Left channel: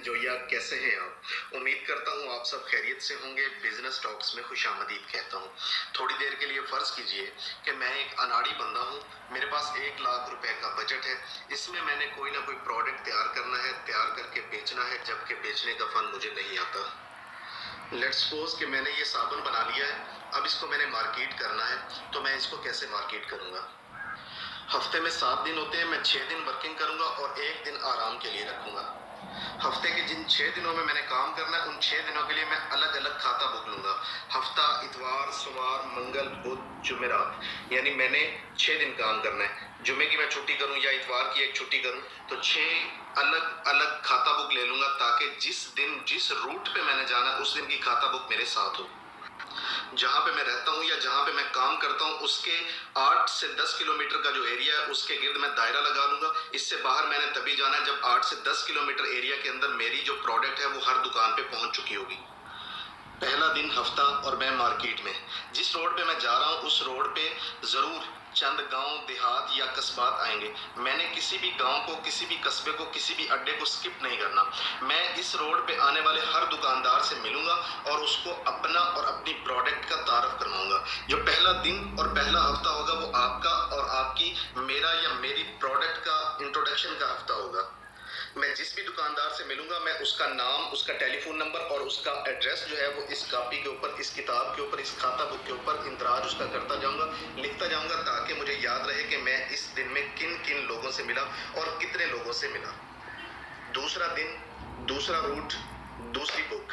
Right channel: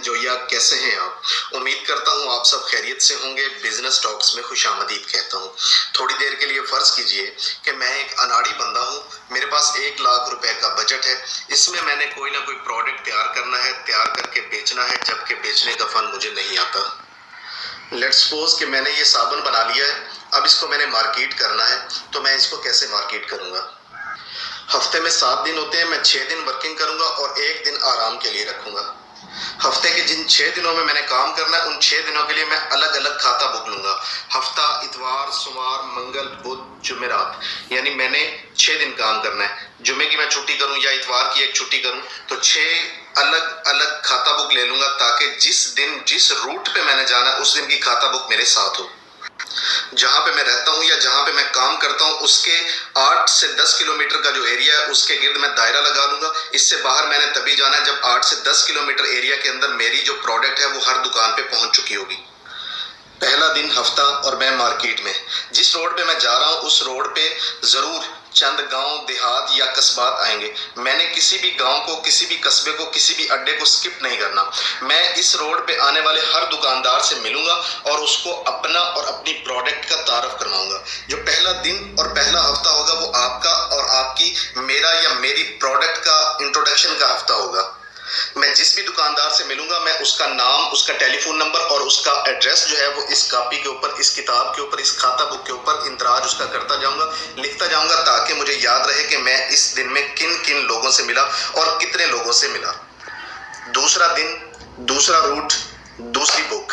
जोया, कैसे हैं आप? उम्मीद करता हूँ आप सब खैरियत से होंगे। बिजनेस टॉक्स में खुशामदीद कहता हूँ। थोड़ी देर के लिए फर्ज कीजिए कि मैं एक अनाड़ी बंदा हूँ। मेरे पास 1 लाख रुपए का बजट है। इसमें मैंने कोई ना कोई प्रोडक्ट तैयार करना है, तैयार करके बेचना है, जबकि बेचने का फन मुझे नहीं आता। लेट्स सपोज कि मैंने ये साबुन बना लिया है। अब इसको मैंने मार्केट करना है, तो मैं इसको कैसे मार्केट करूंगा? हफ्ते में 7 दिन होते हैं। मैं 6 दिन वर्किंग करूंगा और एक दिन आराम के लिए रखूंगा। हफ्ते के जिन 6 दिनों में मैंने काम करना है, उन 6 दिनों के लिए मैं अलग अलग खाता बुक लूंगा। हफ्ता इतवार, सोमवार, मंगल, बुध, जुमेरात, यानी मैंने 6 दिन काम करना है। जुमे की मैं छुट्टी करूं या इतवार की एक छुट्टी करूं, तो 6 अलग अलग खाता बुक ले लूंगा, ताकि जिस दिन जिस रूट पे मैंने जाना है उस दिन की खाता बुक मेरे साथ हो। जहां पे मैं रहता हूं या जहां पे मैं काम करता हूं, उसके 8 से 10 किलोमीटर का जो एरिया है उसके गिर्द मैं दायरा लगा लूंगा। इससे बाहर मैंने तभी जाना है जब 8 से 10 किलोमीटर एरिया के अंदर मेरी जो प्रोडक्ट है वो हर दुकान पे पहुंच चुकी होगी। पहला दिन हफ्ता और मैं मार्केट में। जिस रोड पे मैं जा रहा हूँ उस रोड पे जरूर चंद गांव, देहात या कस्बात आएंगे। मैंने किसी भी गांव को, किसी भी कस्बे को, किसी भी अड्डे को स्किप नहीं करना। मैं इस रोड पे आने वाले हर दुकानदार से मिलूंगा और उसको अपना और अपनी प्रोडक्ट का तारफ करवाऊंगा। जो पहला दिन और पहला हफ्ता होगा वो आपका और आपकी, मेरा या मेरी प्रोडक्ट का इंट्रोडक्शन का हफ्ता होगा। मैं जिस भी दुकानदार से मिलूंगा, मैं उसका नाम, उसका टेलीफोन नंबर और उसका एड्रेस जो है वो इस कॉपी के ऊपर, इस किताब के ऊपर, इस खाता बुक के ऊपर इंदराज उसका करता जाऊंगा, लिखता जाऊंगा, ताकि मुझे याद रहे कि मैं इस दिन में किन किन लोगों से मिला और कितने लोगों से मिला। दूसरा दिन, दूसरा रूट, दूसरी बुक।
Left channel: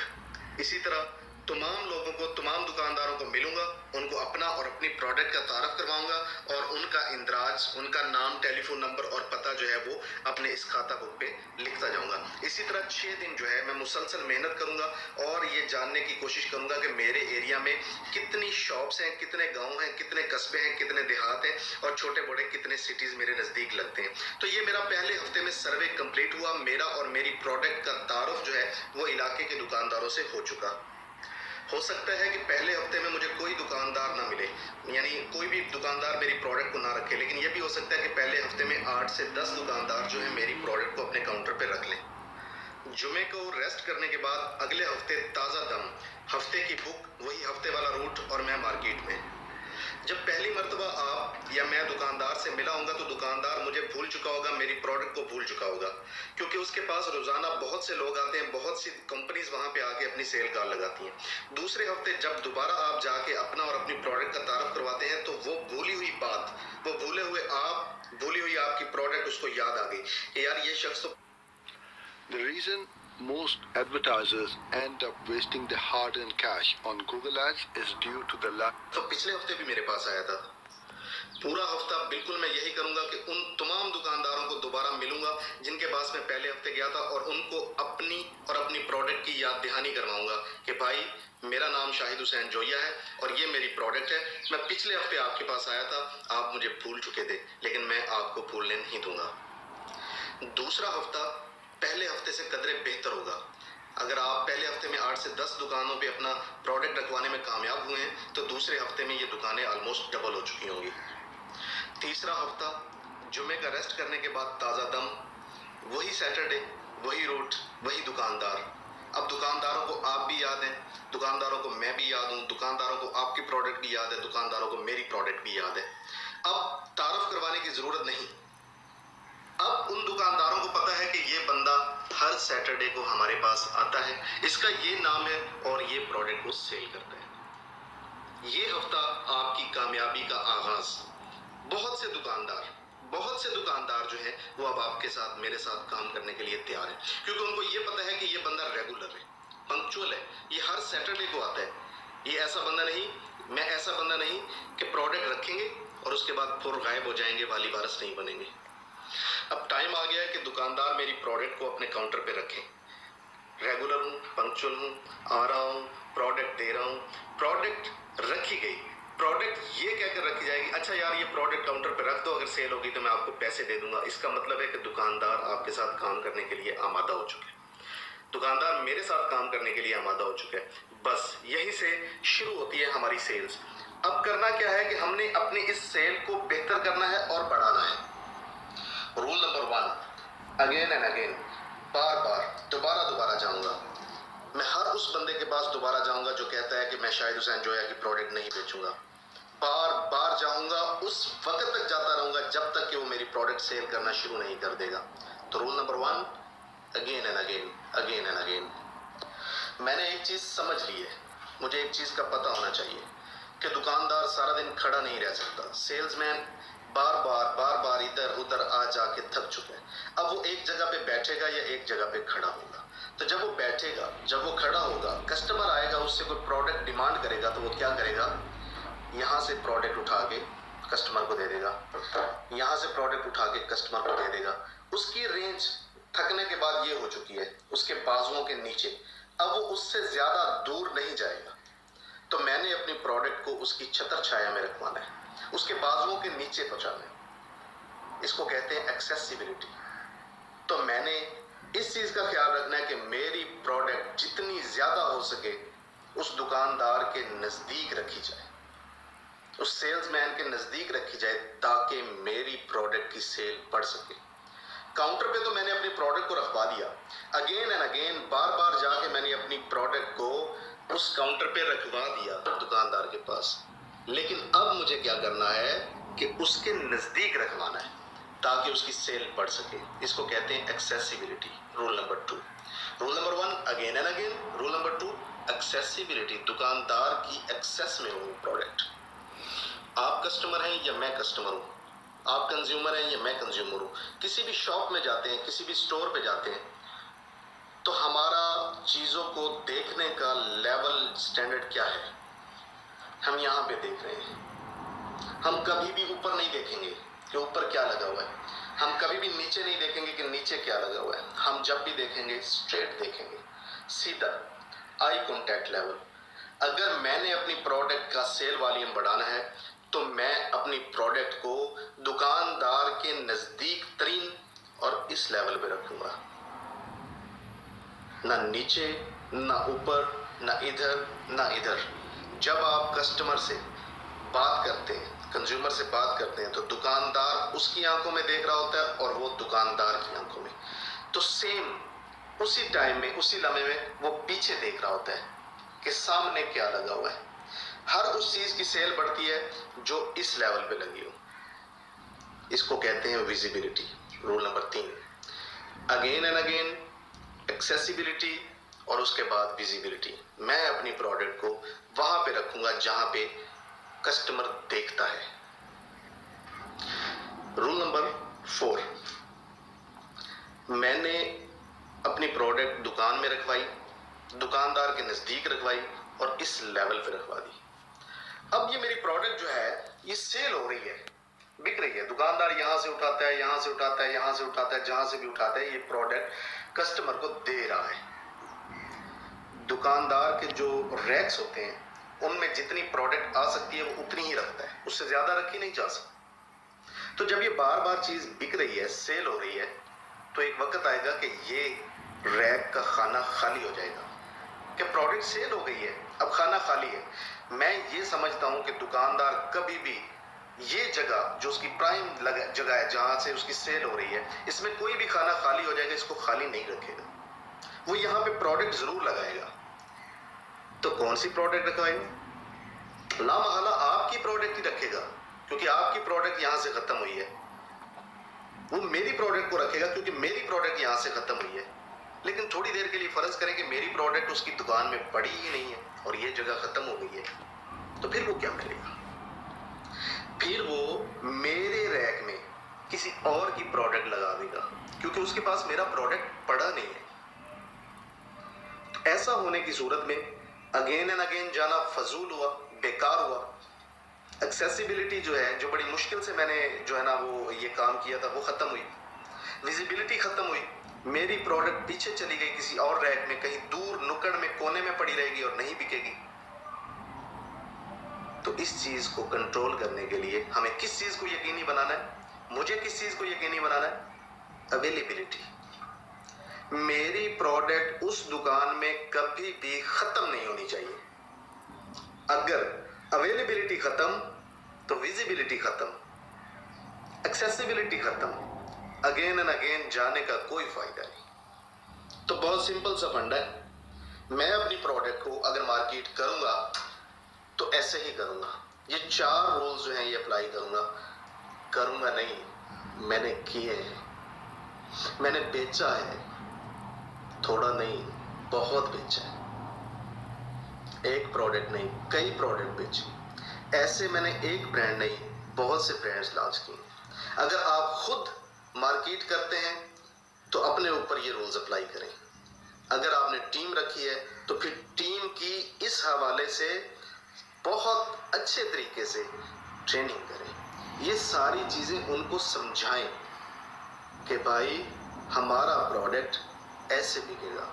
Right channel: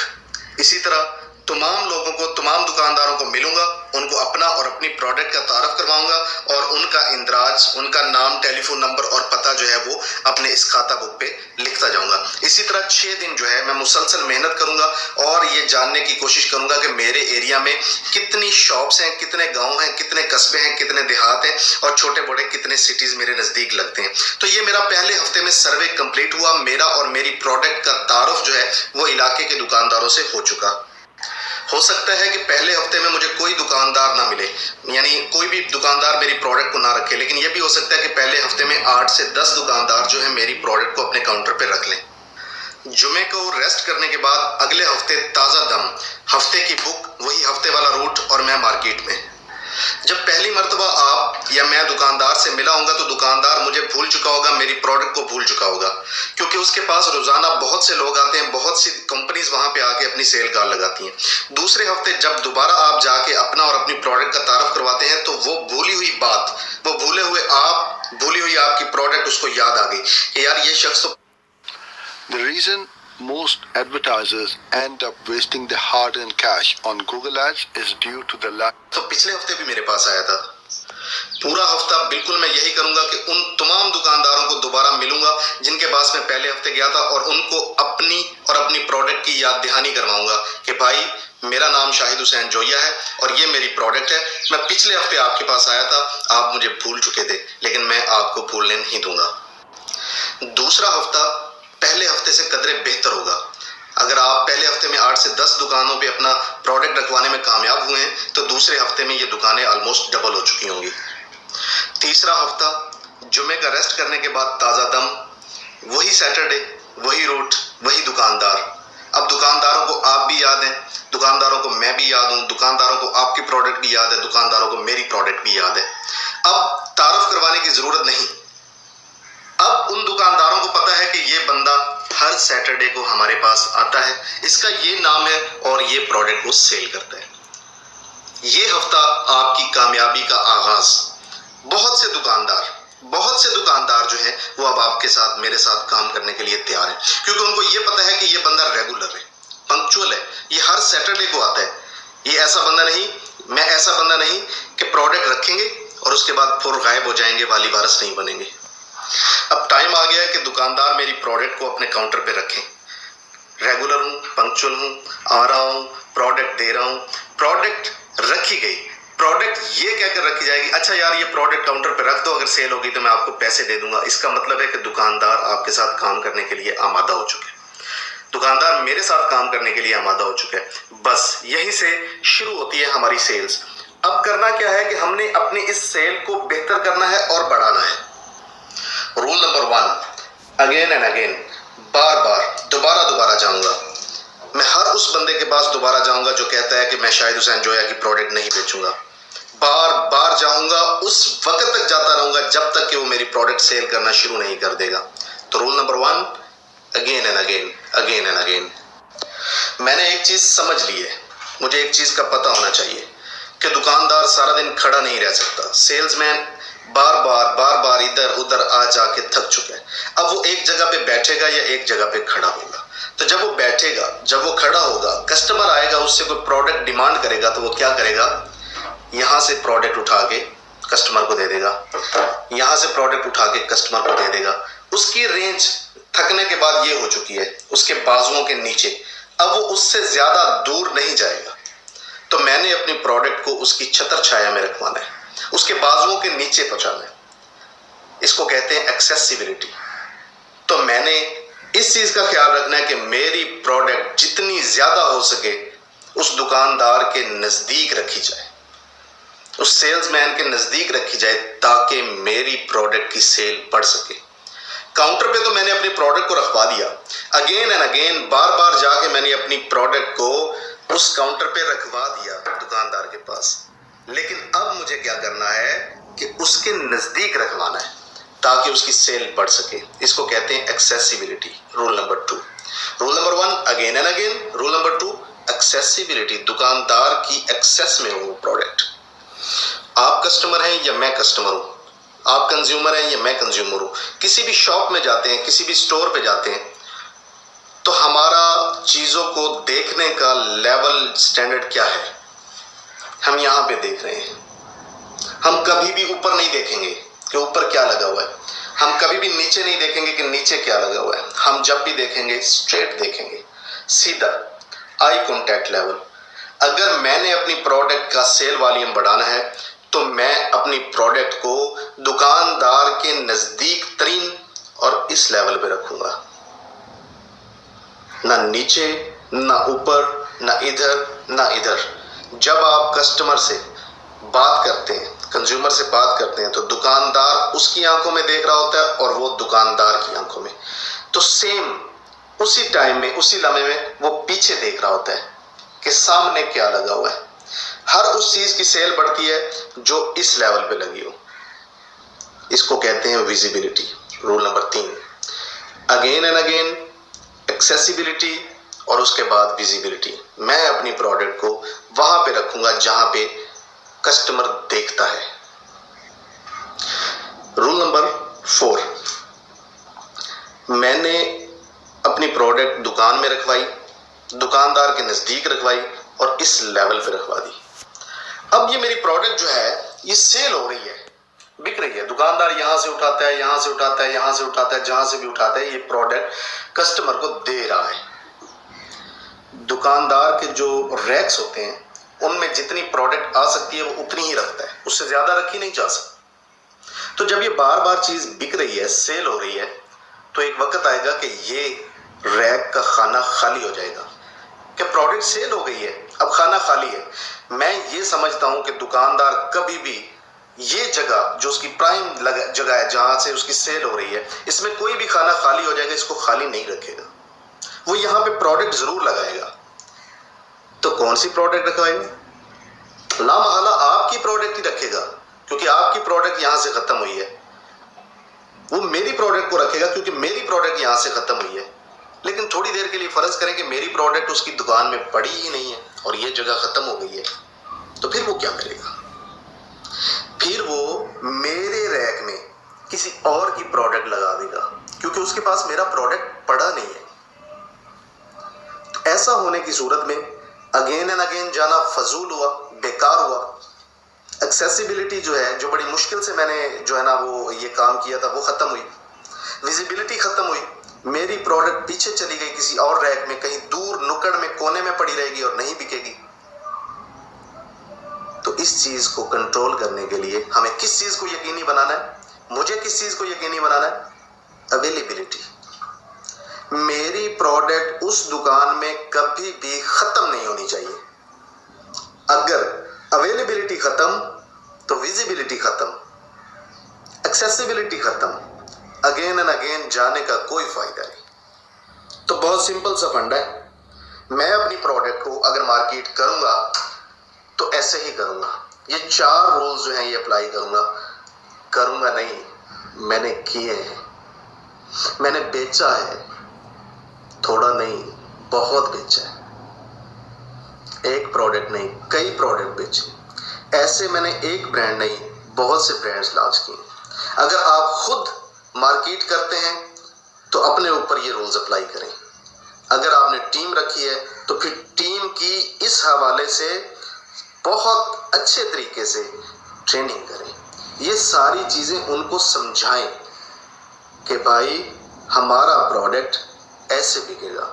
इसी तरह तमाम लोगों को, तमाम दुकानदारों को मिलूंगा, उनको अपना और अपनी प्रोडक्ट का तारफ करवाऊंगा और उनका इंदराज, उनका नाम, टेलीफोन नंबर और पता जो है वो अपने इस खाता बुक पे लिखता जाऊंगा। इसी तरह 6 दिन जो है मैं मुसलसल मेहनत करूंगा और ये जानने की कोशिश करूंगा कि मेरे एरिया में कितनी शॉप्स हैं, कितने गांव हैं, कितने कस्बे हैं, कितने देहात हैं और छोटे बड़े कितने सिटीज मेरे नजदीक लगते हैं। तो ये मेरा पहले हफ्ते में सर्वे कंप्लीट हुआ। मेरा और मेरी प्रोडक्ट का तारुफ जो है वो इलाके के दुकानदारों से हो चुका। हो सकता है कि पहले हफ्ते में मुझे कोई दुकानदार ना मिले, यानी कोई भी दुकानदार मेरी प्रोडक्ट को ना रखे, लेकिन यह भी हो सकता है कि पहले हफ्ते में 8 से 10 दुकानदार जो है मेरी प्रोडक्ट को अपने काउंटर पे रख लें। जुमे को रेस्ट करने के बाद अगले हफ्ते ताज़ा दम, हफ्ते की बुक, वही हफ्ते वाला रूट और मैं मार्केट में। जब पहली मर्तबा आप या मैं दुकानदार से मिला होगा तो दुकानदार मुझे भूल चुका होगा, मेरी प्रोडक्ट को भूल चुका होगा, क्योंकि उसके पास रोजाना बहुत से लोग आते हैं, बहुत सी कंपनीज वहां पे आके अपनी सेल कार लगाती हैं। दूसरे हफ्ते जब दोबारा आप जाके अपना और अपनी प्रोडक्ट का तारफ करवाते हैं तो वो भूली हुई बात, वो भूले हुए आप, भूली हुई आपकी प्रोडक्ट उसको याद आ गई कि यार ये शख्स तो। The reason most advertisers end up wasting their hard-earned cash on Google Ads is due to the lack. तो पिछले हफ्ते भी मेरे पास आया था। पूरा हफ्ता बिल्कुल मैं यही करूंगा कि उन तमाम दुकानदारों को दोबारा मिलूंगा जिनके पास मैं पहले हफ्ते गया था और उनको अपनी और अपनी प्रोडक्ट की याद दहानी करवाऊंगा कि भाई मेरा नाम शाहिद हुसैन जोया है और ये मेरी प्रोडक्ट है। मैं पिछले हफ्ते आपके पास आया था, आप मुझे भूल चुके थे, लेकिन मैं आपको भूलने नहीं दूंगा। दूसरा हफ्ता पहले हफ्ते से कदरे बेहतर होगा। अगर आप पहले हफ्ते में 8 से 10 दुकानों पे अपना प्रोडक्ट रखवाने में कामयाब हुए हैं तो दूसरे हफ्ते में ये दुकानें ऑलमोस्ट डबल हो चुकी होंगी। तीसरा हफ्ता जुमे का रेस्ट करने के बाद ताज़ा दम, वही सैटरडे, वही रूट, वही दुकानदार। अब दुकानदारों को आप भी याद हैं, दुकानदारों को मैं भी याद हूँ, दुकानदारों को आपकी प्रोडक्ट भी याद है, दुकानदारों को मेरी प्रोडक्ट भी याद है। अब तारुफ करवाने की जरूरत नहीं। अब उन दुकानदारों को पता है कि ये बंदा हर सैटरडे को हमारे पास आता है, इसका ये नाम है और ये प्रोडक्ट को सेल करता है। ये हफ्ता आपकी कामयाबी का आगाज। बहुत से दुकानदार जो हैं वो अब आपके साथ, मेरे साथ काम करने के लिए तैयार हैं, क्योंकि उनको ये पता है कि ये बंदा रेगुलर है, पंक्चुअल है, ये हर सैटरडे को आता है। ये ऐसा बंदा नहीं, मैं ऐसा बंदा नहीं कि प्रोडक्ट रखेंगे और उसके बाद फिर गायब हो जाएंगे, वाली वारस नहीं बनेंगे। अब टाइम आ गया है कि दुकानदार मेरी प्रोडक्ट को अपने काउंटर पे रखें। रेगुलर हूँ, पंक्चुअल हूँ, आ रहा हूँ, प्रोडक्ट दे रहा हूँ, प्रोडक्ट रखी गई। प्रोडक्ट ये कहकर रखी जाएगी, अच्छा यार ये प्रोडक्ट काउंटर पे रख दो, अगर सेल होगी तो मैं आपको पैसे दे दूंगा। इसका मतलब है कि दुकानदार आपके साथ काम करने के लिए आमादा हो चुके हैं, दुकानदार मेरे साथ काम करने के लिए आमादा हो चुके हैं। बस यहीं से शुरू होती है हमारी सेल्स। अब करना क्या है कि हमने अपनी इस सेल को बेहतर करना है और बढ़ाना है। Rule number 1, again and again, बार बार, दोबारा मैं हर उस बंदे के पास दोबारा जाऊंगा जो कहता है कि मैं शायद हुसैन जोया की प्रोडक्ट नहीं बेचूंगा, बार बार जाऊंगा, उस वक्त तक जाता रहूंगा जब तक कि वो मेरी प्रोडक्ट सेल करना शुरू नहीं कर देगा। तो rule number 1, again and again, again and again. मैंने एक चीज समझ ली है, मुझे एक चीज का पता होना चाहिए कि दुकानदार सारा दिन खड़ा नहीं रह सकता। सेल्समैन बार बार इधर उधर आ जाके थक चुका है। अब वो एक जगह पे बैठेगा या एक जगह पे खड़ा होगा। तो जब वो बैठेगा, जब वो खड़ा होगा, कस्टमर आएगा, उससे कोई प्रोडक्ट डिमांड करेगा, तो वो क्या करेगा, यहाँ से प्रोडक्ट उठा के कस्टमर को दे देगा, यहाँ से प्रोडक्ट उठा के कस्टमर को दे देगा। उसकी रेंज थकने के बाद ये हो चुकी है, उसके बाजुओं के नीचे। अब वो उससे ज्यादा दूर नहीं जाएगा। तो मैंने अपनी प्रोडक्ट को उसकी छतर छाया में रखवाना है, उसके बाजुओं के नीचे पहुंचाना है। इसको कहते हैं एक्सेसिबिलिटी। तो मैंने इस चीज का ख्याल रखना है कि मेरी प्रोडक्ट जितनी ज्यादा हो सके उस दुकानदार के नजदीक रखी जाए, उस सेल्समैन के नजदीक रखी जाए, ताकि मेरी प्रोडक्ट की सेल बढ़ सके। काउंटर पे तो मैंने अपनी प्रोडक्ट को रखवा दिया, अगेन एंड अगेन, बार बार जाके मैंने अपनी प्रोडक्ट को उस काउंटर पे रखवा दिया दुकानदार के पास। लेकिन अब मुझे क्या करना है कि उसके नजदीक रखवाना है ताकि उसकी सेल बढ़ सके। इसको कहते हैं accessibility. Rule number 2। Rule number 1, again and again. Rule number 2, accessibility. दुकानदार की एक्सेस में हो प्रोडक्ट। आप कस्टमर हैं या मैं कस्टमर हूं, आप कंज्यूमर हैं या मैं कंज्यूमर हूं। किसी भी शॉप में जाते हैं, किसी भी स्टोर पे जाते हैं, तो हमारा चीजों को देखने का लेवल स्टैंडर्ड क्या है, हम यहां पे देख रहे हैं। हम कभी भी ऊपर नहीं देखेंगे कि ऊपर क्या लगा हुआ है, हम कभी भी नीचे नहीं देखेंगे कि नीचे क्या लगा हुआ है। हम जब भी देखेंगे स्ट्रेट देखेंगे, सीधा, आई कांटेक्ट लेवल। अगर मैंने अपनी प्रोडक्ट का सेल वॉल्यूम बढ़ाना है तो मैं अपनी प्रोडक्ट को दुकानदार के नजदीक तरीन और इस लेवल पे रखूंगा, ना नीचे, ना ऊपर, ना इधर, ना इधर। जब आप कस्टमर से बात करते हैं, कंज्यूमर से बात करते हैं, तो दुकानदार उसकी आंखों में देख रहा होता है और वो दुकानदार की आंखों में। तो सेम उसी टाइम में, उसी लम्हे में वो पीछे देख रहा होता है कि सामने क्या लगा हुआ है। हर उस चीज की सेल बढ़ती है जो इस लेवल पे लगी हो। इसको कहते हैं visibility. Rule number 3, again and again, accessibility और उसके बाद विजिबिलिटी। मैं अपनी प्रोडक्ट को वहां पे रखूंगा जहां पे कस्टमर देखता है। रूल नंबर 4, मैंने अपनी प्रोडक्ट दुकान में रखवाई, दुकानदार के नजदीक रखवाई और इस लेवल पे रखवा दी। अब ये मेरी प्रोडक्ट जो है ये सेल हो रही है, बिक रही है। दुकानदार यहां से उठाता है, यहां से उठाता है, यहां से उठाता है, जहां से भी उठाता है, ये प्रोडक्ट कस्टमर को दे रहा है। दुकानदार के जो रैक्स होते हैं उनमें जितनी प्रोडक्ट आ सकती है वो उतनी ही रखता है, उससे ज्यादा रखी नहीं जा सकती। तो जब ये बार बार चीज बिक रही है, सेल हो रही है, तो एक वक्त आएगा कि ये रैक का खाना खाली हो जाएगा कि प्रोडक्ट सेल हो गई है, अब खाना खाली है। मैं ये समझता हूं कि दुकानदार कभी भी ये जगह जो उसकी प्राइम जगह है जहां से उसकी सेल हो रही है, इसमें कोई भी खाना खाली हो जाएगा, इसको खाली नहीं रखेगा। वो यहां पे प्रोडक्ट जरूर लगाएगा। तो कौन सी प्रोडक्ट रखवाएगा? ला महला आपकी प्रोडक्ट ही रखेगा, क्योंकि आपकी प्रोडक्ट यहां से खत्म हुई है। वो मेरी प्रोडक्ट को रखेगा क्योंकि मेरी प्रोडक्ट यहां से खत्म हुई है। लेकिन थोड़ी देर के लिए फर्ज करें कि मेरी प्रोडक्ट उसकी दुकान में पड़ी ही नहीं है और ये जगह खत्म हो गई है, तो फिर वो क्या करेगा? फिर वो मेरे रैक में किसी और की प्रोडक्ट लगा देगा, क्योंकि उसके पास मेरा प्रोडक्ट पड़ा नहीं है। तो ऐसा होने की सूरत में अगेन एंड अगेन जाना फजूल हुआ, बेकार हुआ। एक्सेसिबिलिटी जो है, जो बड़ी मुश्किल से मैंने जो है ना वो ये काम किया था, वो खत्म हुई। विजिबिलिटी खत्म हुई, मेरी प्रोडक्ट पीछे चली गई किसी और रैक में, कहीं दूर नुक्कड़ में कोने में पड़ी रहेगी और नहीं बिकेगी। तो इस चीज को कंट्रोल करने के लिए हमें किस चीज को यकीनी बनाना है? मुझे किस चीज को यकीनी बनाना है? अवेलेबिलिटी। मेरी प्रोडक्ट उस दुकान में कभी भी खत्म नहीं होनी चाहिए। अगर अवेलेबिलिटी खत्म तो विजिबिलिटी खत्म, एक्सेसिबिलिटी खत्म, अगेन एंड अगेन जाने का कोई फायदा नहीं। तो बहुत सिंपल सा फंडा है। मैं अपनी प्रोडक्ट को अगर मार्केट करूंगा तो ऐसे ही करूंगा, ये 4 रूल्स जो हैं ये अप्लाई करूंगा नहीं, मैंने किए हैं, मैंने बेचा है, थोड़ा नहीं बहुत बेचा है, एक प्रोडक्ट नहीं कई प्रोडक्ट बेचे, ऐसे मैंने एक ब्रांड नहीं बहुत से ब्रांड्स लॉन्च किए। अगर आप खुद मार्केट करते हैं तो अपने ऊपर ये रूल्स अप्लाई करें, अगर आपने टीम रखी है तो फिर टीम की इस हवाले से बहुत अच्छे तरीके से ट्रेनिंग करें, ये सारी चीज़ें उनको समझाएं कि भाई हमारा प्रोडक्ट ऐसे बिकेगा।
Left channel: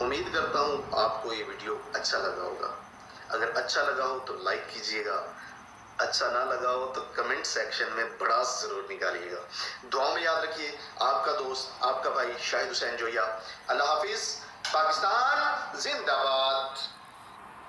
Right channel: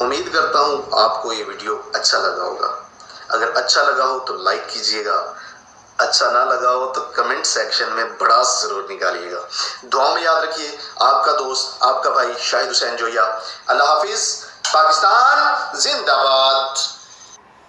उम्मीद करता हूँ आपको ये वीडियो अच्छा लगा होगा, अगर अच्छा लगा हो तो लाइक कीजिएगा, अच्छा ना लगा हो तो कमेंट सेक्शन में बड़ा ज़रूर निकालिएगा। दुआ में याद रखिए, आपका दोस्त आपका भाई शाहिद हुसैन जोया। अल्लाह हाफिज़, पाकिस्तान जिंदाबाद।